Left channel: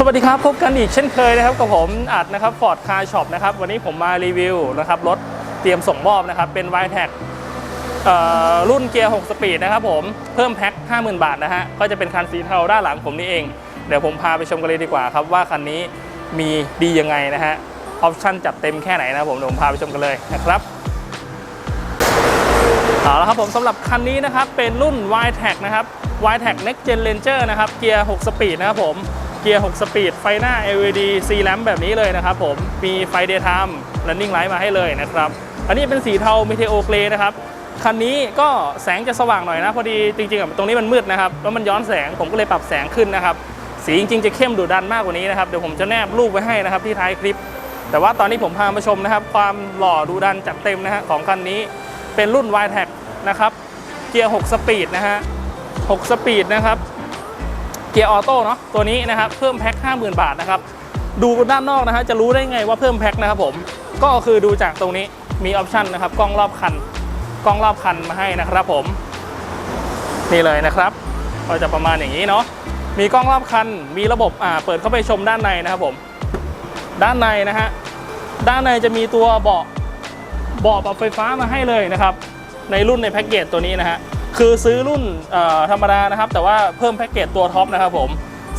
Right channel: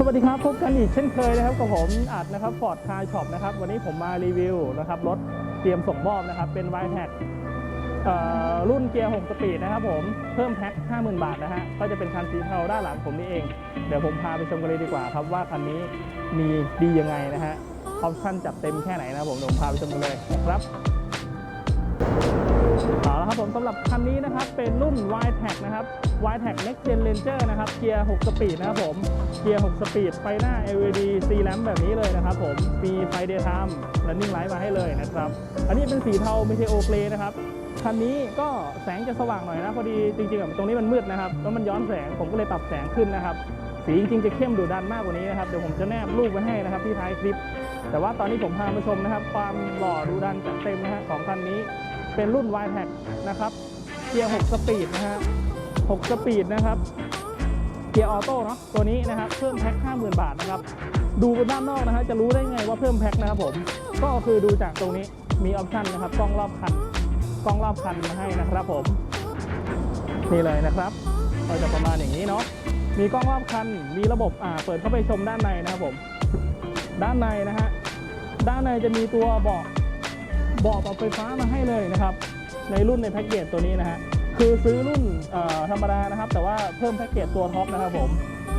สวัสดีครับ พบกันอีกเช่นเคยนะครับกับผมอัดนะครับฟอร์ดคาร์ช็อปนะครับวันนี้ผมมารีวิวนะครับรถเตรียมส่งมอบนะครับเป็น y t e c รุ่นเกียร์ 6 สปีดนะครับผมเพิ่มแพ็ค 50,000 บาทนะฮะก็จะเป็นคันสีเทาด้านหลังผมนี่เอง เดี๋ยวผมพาไปชมกันเลยดีกว่าครับ ว่าคันนี้มีดียังไงนะฮะออปชั่นจัดเต็มแค่ไหนนะครับผมเดี๋ยวผมพาไปชมกันเลยนะครับเอาละครับผมสำหรับคันนี้นะครับเป็นรุ่น y t e c นะครับ y t e c Next Gen Ranger นะครับเกียร์ 6 สปีดนะครับผม เกียร์ 6 สปีด ไฟหน้า LED C lamp แบบนี้เลยนะครับผม มีไฟ daytime running light มาให้เลยนะครับ อันนี้เป็นสีเทา Meteo Gray นะครับ คันนี้ก็แสงจะสว่างหน่อยนะ พอดีจริงๆตรงนี้มันมืดนะครับ แล้วมันย้อนแสง ผมก็เลยปรับแสงขึ้นนะครับ สีจริงๆจะเข้มดุดันมากกว่านี้นะครับ เดี๋ยวผมจะแนบรูปไว้ให้นะครับที่ท้ายคลิป แต่ว่าตอนนี้ผมพามาชมนะครับ ความหล่อดุดันจัดเต็มนะฮะของคันนี้ เป็นรุ่น y t e c นะครับ เกียร์ 6 สปีดนะฮะ 6 สปีดนะครับ กียร์ออโต้เนาะตัวนี้นะครับเพิ่มแพ็ค50,000 บาทนะครับดูด้านนอกนะฮะจะรู้ได้ไงว่าเพิ่มแพ็คนะครับผมก็คือดูจากตรงนี้มีออปชันนะครับกล้องรอบคันกล้องรอบคันมาให้นะครับผม นี่เลยนะครับ ก็จะประมาณอย่างนี้เนาะมีกล้องรอบคันมีระบบอ่าเปิดเข้าไปชมด้านในนะครับผม ด้านในนะฮะด้านในจะมีตัวเบาะเบาะปรับไฟฟ้ามาให้เลยนะครับ ในรุ่นในแพ็กเกจตัวนี้นะฮะ คือซื้อรุ่นธรรมดานะครับ แต่ว่าเพิ่มแพ็กเกจตัวท็อปนะครับผม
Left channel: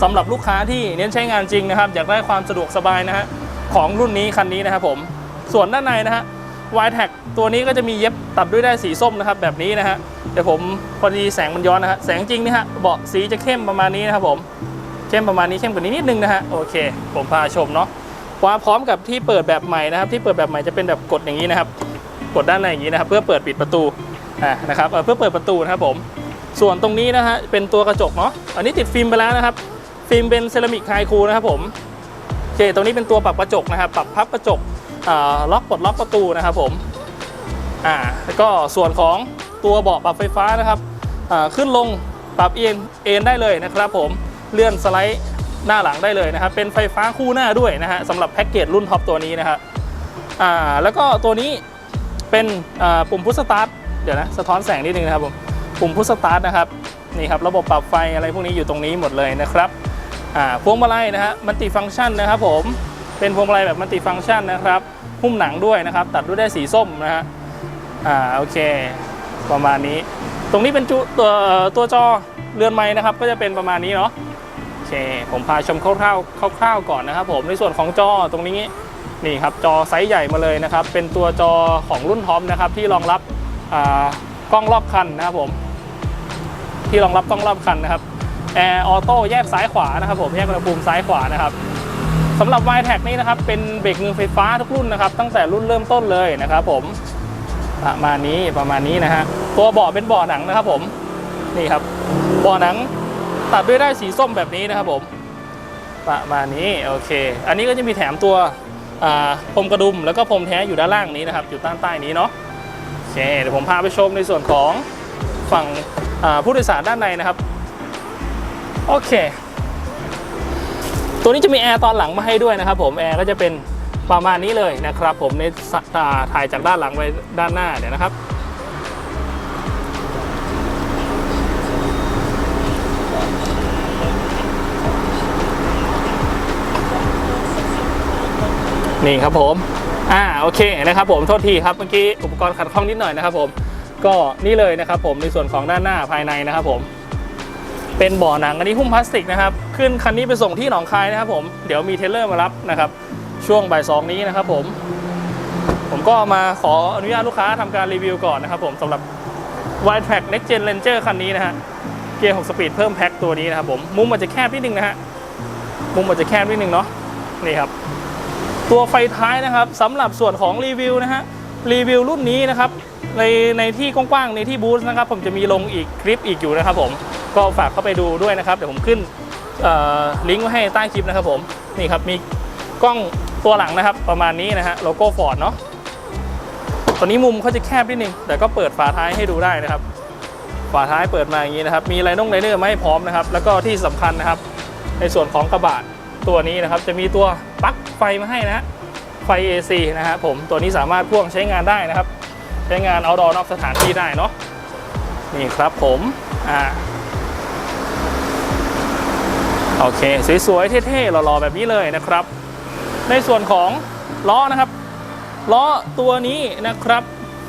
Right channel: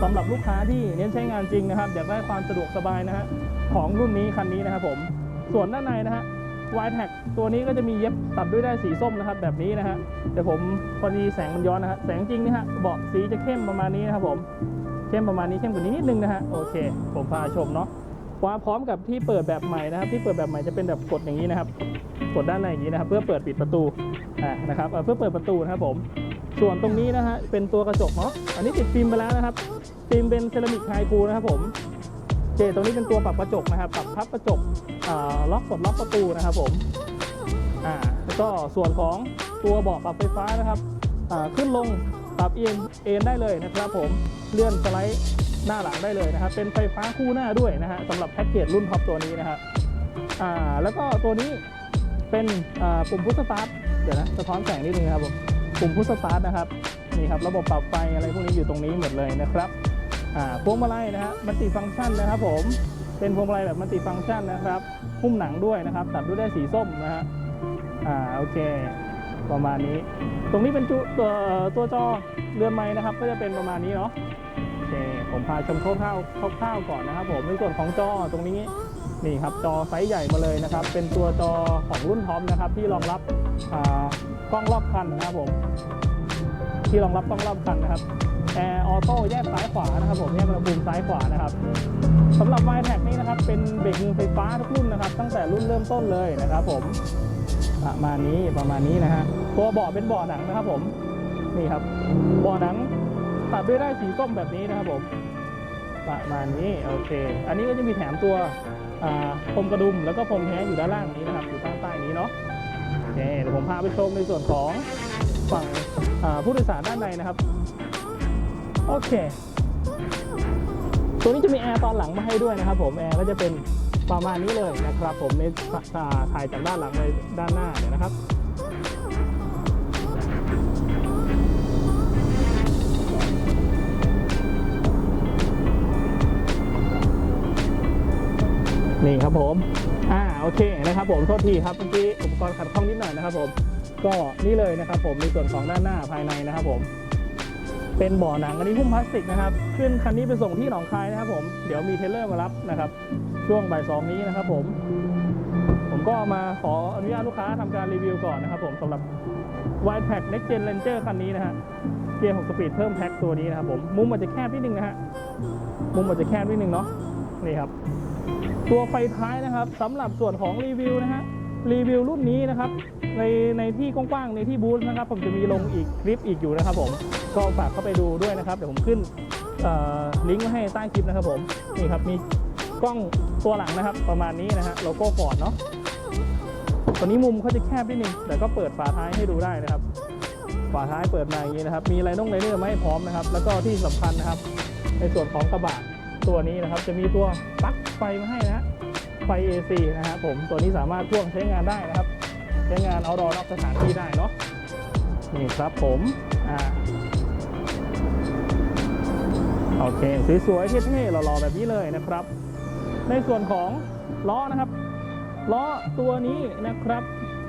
สำหรับลูกค้าที่เน้นใช้งานจริงนะครับ อยากได้ความสะดวกสบายนะฮะของรุ่นนี้คันนี้นะครับผมส่วนด้านในนะฮะ y t e c ตัวนี้ก็จะมีเย็บตัดด้วยได้สีส้มนะครับ แบบนี้นะฮะเดี๋ยวผมพอดีแสงมันย้อนนะฮะแสงจริงนี่ฮะเบาะสีจะเข้มประมาณนี้นะครับผมเข้มประมาณนี้เข้มกว่านี้นิดนึงนะฮะโอเค ผมพาชมเนาะว่าพร้อมกับที่เปิดแบบใหม่นะครับ ที่เปิดแบบใหม่จะเป็นแบบกดอย่างนี้นะครับ กดด้านในอย่างนี้นะครับ เพื่อเปิดปิดประตูอ่านะครับเพื่อเปิดประตูนะครับผมส่วนตรงนี้นะฮะเป็นตัวกระจกเนาะอันนี้ติดฟิล์มไปแล้วนะครับ ฟิล์มเป็นเซรามิกไฮคูนะครับผมโอเคตรงนี้เป็นตัวปรับกระจกนะครับ ปรับพับกระจกล็อกปลดล็อกประตูนะครับผมอ่าแล้วก็ส่วนของตัวเบาะปรับไฟฟ้านะครับขึ้นลงปรับเอ็นเอ็นได้เลยนะครับผมเลื่อนสไลด์หน้าหลังได้เลยนะครับ เป็นไฟฟ้าคู่หน้าด้วยนะฮะสำหรับแพ็กเกจรุ่นท็อปตัวนี้นะครับอ่าแล้วก็ตัวนี้ เป็นปุ่มพุชสตาร์ทเดี๋ยวนะสะท้อนแสงนิดนึงนะครับผมปุ่มพุชสตาร์ทนะครับนี่ครับระบบปรับไฟอะไรพวกนี้อยู่ตรงนี้หมดเลยนะครับพวงมาลัยนะฮะมัลติฟังก์ชันนะครับผมเป็นพวงมาลัยแบบมัลติฟังก์ชันนะครับหุ้มหนังด้วยนะครับ ตัดด้วยได้สีส้มนะฮะอ่าโอเค ประมาณนี้ ตรงนี้เป็นจุตัวตัวจอเรือนไม้นะครับ ก็จะเป็นประมาณนี้เนาะโอเค ผมพาชมคร่าวๆคร่าวๆก่อนนะครับผมในส่วนของจอตรงนี้ นี่ครับจอไซส์ใหญ่มาเลยนะครับ เป็นตัวจอของรุ่นท็อปนะครับที่รองรับกล้องรอบคันนะครับผม ที่รองรับกล้องรอบคันนะครับแอร์ออโต้แยกซ้ายขวานะครับผมแยกอุณหภูมิซ้ายขวานะครับสำหรับ y t e c นี่นะครับเป็นเบรกมือไฟฟ้าทุกรุ่นนะครับ ตั้งแต่รุ่นเริ่มต้นเลยนะครับ ผมประมาณนี้ประมาณนี้นะฮะตัวเบาะเป็นเบาะหนังนะครับ ผมนี่ครับเบาะหนังตัดด้วยได้สีส้มแบบนี้นะครับผมประมาณนี้โอเค อันนี้ก็จะมีแถมตัว พรมกระดุมแล้วก็พรมแท้อยู่ด้านล่างนี้นะครับอยู่ด้านใต้นี้เนาะโอเคเดี๋ยวผมพาไปชมในส่วนของฝั่งผู้โดยสารด้านในนะครับโอเค ตัวนี้จะมีแอร์ตอนหลังมาให้ด้วยนะครับ ผมแอร์ก็จะเป็นประมาณนี้เลยนะครับ ผมในถ่ายจากด้านหลังไปด้านหน้าเดี๋ยวนะครับ นี่ครับผม อ่าโอเคนะครับผมโทษทีครับเมื่อกี้อุปกรณ์ขัดข้องนิดหน่อยนะครับผม ก็นี่เลยนะครับผมในส่วนของด้านหน้าภายในนะครับผม เป็นบ่อหนังอันนี้หุ้มพลาสติกนะครับ ขึ้นคันนี้ไปส่งที่หนองคายนะครับผม เดี๋ยวมีเทเลอร์มารับนะครับ ช่วงบ่ายสองนี้นะครับผม ผมก็มาขออนุญาตลูกค้าทำการรีวิวก่อนนะครับผมสำหรับ w i d e Track Next Gen Ranger คันนี้นะฮะ เกียร์ 6 สปีดเพิ่มแพ็คตัวนี้นะครับผม มุมมันจะแคบนิดนึงนะฮะ มุมมันจะแคบนิดนึงเนาะ นี่ครับ ตัวไฟท้ายนะครับสำหรับส่วนของรีวิวนะฮะรีวิวรุ่นนี้นะครับในในที่กว้างๆในที่บูธนะครับ ผมจะมีลงอีกคลิปอีกอยู่นะครับ ผมก็ฝากเข้าไปดูด้วยนะครับ เดี๋ยวผมขึ้นลิงก์ไว้ให้ใต้คลิปนะครับ ผมนี่ครับมีกล้องตัวหลังนะครับ ประมาณนี้นะฮะโลโก้ฟอร์ดเนาะตัวนี้มุมเขาจะแคบนิดนึงแต่ก็เปิดฝาท้ายให้ดูได้นะครับ ฝาท้ายเปิดมาอย่างนี้นะครับ มีไลนงไลเนอร์มาให้พร้อมนะครับ แล้วก็ที่สำคัญนะครับ ในส่วนของกระบะ ตัวนี้นะครับจะมีตัวปลั๊กไฟมาให้นะฮะไฟ AC นะฮะผมตัวนี้สามารถพ่วงใช้งานได้นะครับ ใช้งาน outdoor นอกสถานที่ได้เนาะนี่ครับผมอ่าโอเค สวยๆเท่ๆหล่อๆแบบนี้เลยนะครับ ในส่วนของล้อนะครับล้อตัวนี้นะครับ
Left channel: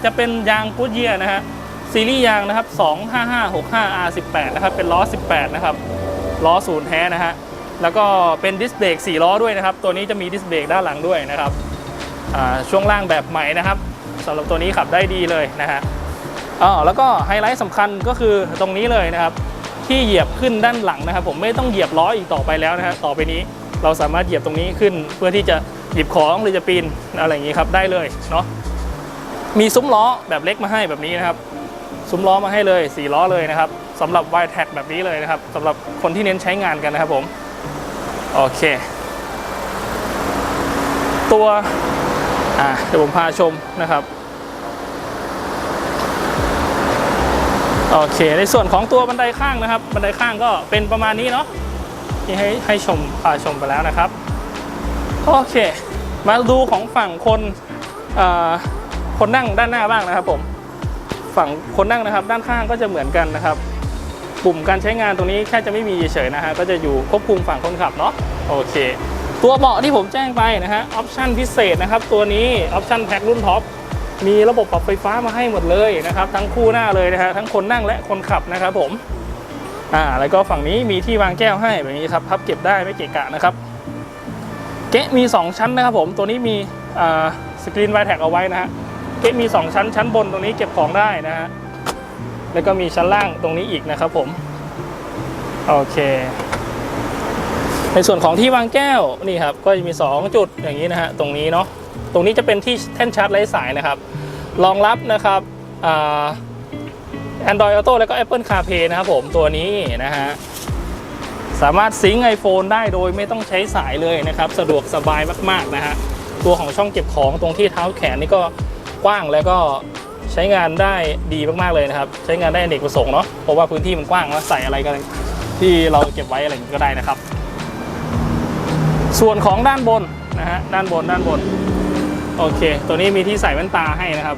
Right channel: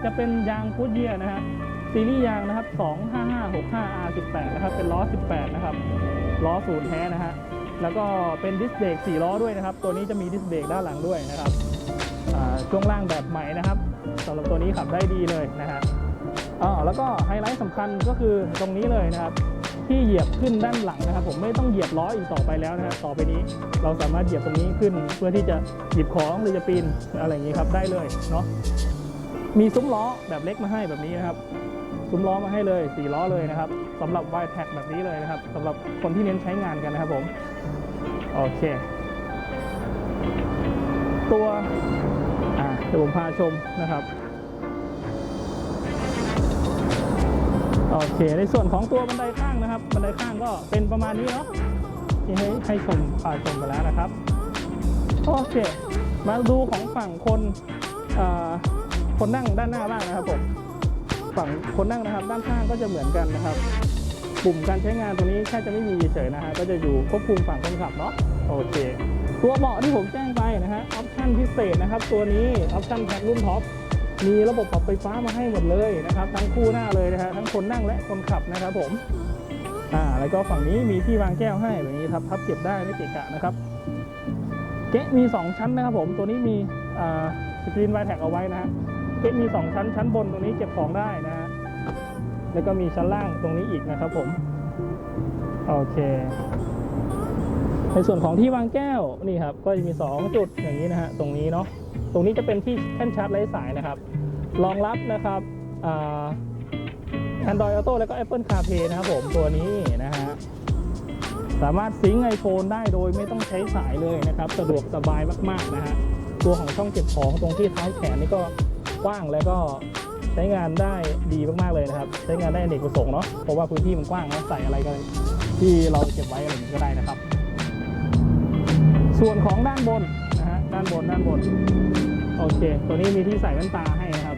จะเป็นยางกูดเยียนะฮะซีรีส์ยางนะครับ 25565 R18 นะครับ เป็นล้อ 18 นะครับ ล้อศูนย์แท้นะฮะ แล้วก็เป็นดิสเบรก4ล้อด้วยนะครับ ตัวนี้จะมีดิสเบรกด้านหลังด้วยนะครับช่วงล่างแบบใหม่นะครับสำหรับตัวนี้ขับได้ดีเลยนะฮะอ๋อแล้วก็ไฮไลท์สำคัญก็คือตรงนี้เลยนะครับ ที่เหยียบขึ้นด้านหลังนะครับ ผมไม่ต้องเหยียบล้ออีกต่อไปแล้วนะฮะต่อไปนี้เราสามารถเหยียบตรงนี้ขึ้น เพื่อที่จะหยิบของหรือจะปีนอะไรอย่างนี้ครับได้เลยเนาะมีซุ้มล้อแบบเล็กมาให้แบบนี้นะครับ ซุ้มล้อมาให้เลย4ล้อเลยนะครับสำหรับ y t a g แบบนี้เลยนะครับสำหรับคนที่เน้นใช้งานกันนะครับผม โอเค ตัวอ่าเดี๋ยวผมพาชมนะครับโอเค ในส่วนของตัวบันไดข้างนะครับ บันไดข้างก็เป็นประมาณนี้เนาะที่ให้ให้ชมพาชมไปแล้วนะครับโอเค มาดูของฝั่งคนคนนั่งด้านหน้าบ้างนะครับผมฝั่งคนนั่งนะครับ ด้านข้างก็จะเหมือนกันนะครับ ปุ่มการใช้งานตรงนี้แค่จะไม่มีเฉยๆนะฮะก็จะอยู่ควบคุมฝั่งคนขับเนาะโอเค ตัวเบาะที่ผมแจ้งไปนะฮะออปชั่นพิเศษนะครับตัวนี้ออปชั่นแพ็ครุ่นท็อปมีระบบปรับไฟฟ้ามาให้หมดเลยนะครับทั้งคู่หน้าเลยนะฮะทั้งคนนั่งและคนขับนะครับผมอ่าแล้วก็ฝั่งนี้มีที่วางแก้วให้แบบนี้ครับพับเก็บได้ไม่เกะกะนะครับเก๊ะมี 2 ชั้นนะครับผมตัวนี้มีอ่าสกรีนไวแท็กเอาไว้นะฮะเก๊ะมี 2 ชั้นชั้นบนตรงนี้เก็บของได้นะฮะ แล้วก็มีชั้นล่างตรงนี้อีกนะครับผมโอเค ในส่วนของที่วางแก้วนี่ครับก็จะมี 2 จุดอย่างนี้นะฮะตรงนี้เนาะตรงนี้จะเป็นที่แท่นชาร์จไร้สายนะครับรองรับนะครับแอ่า Android Auto แล้วก็ Apple CarPlay นะครับผมตัวนี้นะฮะสามารถซิงค์ iPhone ได้โดยไม่ต้องใช้สายเลยนะครับ สะดวกสบายมาก ๆ นะฮะ ตัวของช่องเก็บของตรงที่เท้าแขนนี่ก็กว้างแล้วก็ ใช้งานได้ดีมากๆเลยนะครับ ใช้งานได้อเนกประสงค์เนาะเพราะว่าพื้นที่มันกว้างแล้วใส่อะไรก็ที่เราเก็บไว้อะไรก็ได้นะครับ ส่วนของด้านบนนะฮะด้านบนด้านบนโอเค ตัวนี้มีที่ใส่แว่นตาให้นะครับ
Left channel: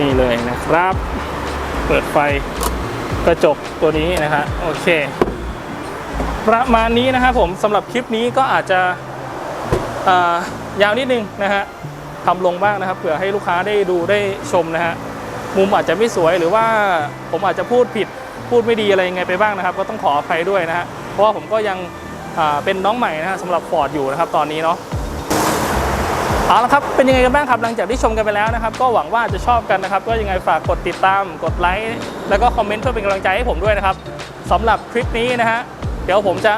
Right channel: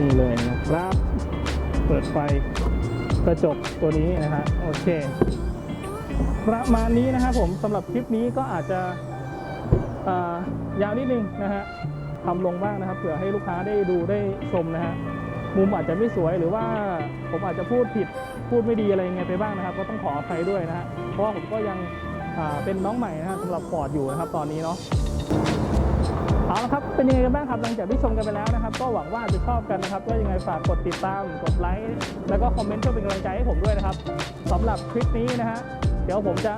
นี่เลยนะครับ เปิดไฟกระจกตัวนี้นะฮะโอเค ประมาณนี้นะครับผมสำหรับคลิปนี้ก็อาจจะยาวนิดนึงนะฮะ ทำลงบ้างนะครับเผื่อให้ลูกค้าได้ดูได้ชมนะฮะมุมอาจจะไม่สวยหรือว่าผมอาจจะพูดผิดพูดไม่ดีอะไรยังไงไปบ้างนะครับ ก็ต้องขออภัยด้วยนะฮะเพราะว่าผมก็ยังเป็นน้องใหม่นะฮะสำหรับฟอร์ดอยู่นะครับตอนนี้เนาะเอาละครับ เป็นยังไงกันบ้างครับ หลังจากที่ชมกันไปแล้วนะครับ ก็หวังว่าจะชอบกันนะครับ ก็ยังไงฝากกดติดตาม กดไลค์ แล้วก็คอมเมนต์เพื่อเป็นกำลังใจให้ผมด้วยนะครับสำหรับคลิปนี้นะฮะ เดี๋ยวผมจะ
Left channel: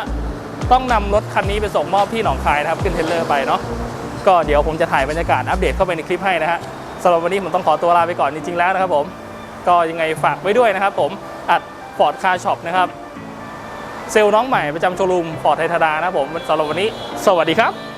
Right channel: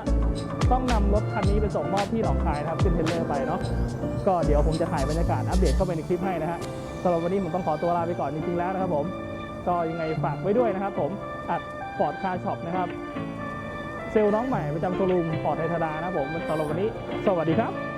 ต้องนำรถคันนี้ไปส่งมอบที่หนองคายนะครับ ขึ้นเทรลเลอร์ไปเนาะ ก็เดี๋ยวผมจะถ่ายบรรยากาศอัปเดตเข้าไปในคลิปให้นะฮะสำหรับวันนี้ผมต้องขอตัวลาไปก่อนจริงๆแล้วนะครับผมก็ยังไงฝากไว้ด้วยนะครับผมอัดฟอร์ดคาร์ช็อปนะครับเซลล์น้องใหม่ประจำโชว์รูมฟอร์ดไทยธดานะครับผมสำหรับวันนี้ สวัสดีครับ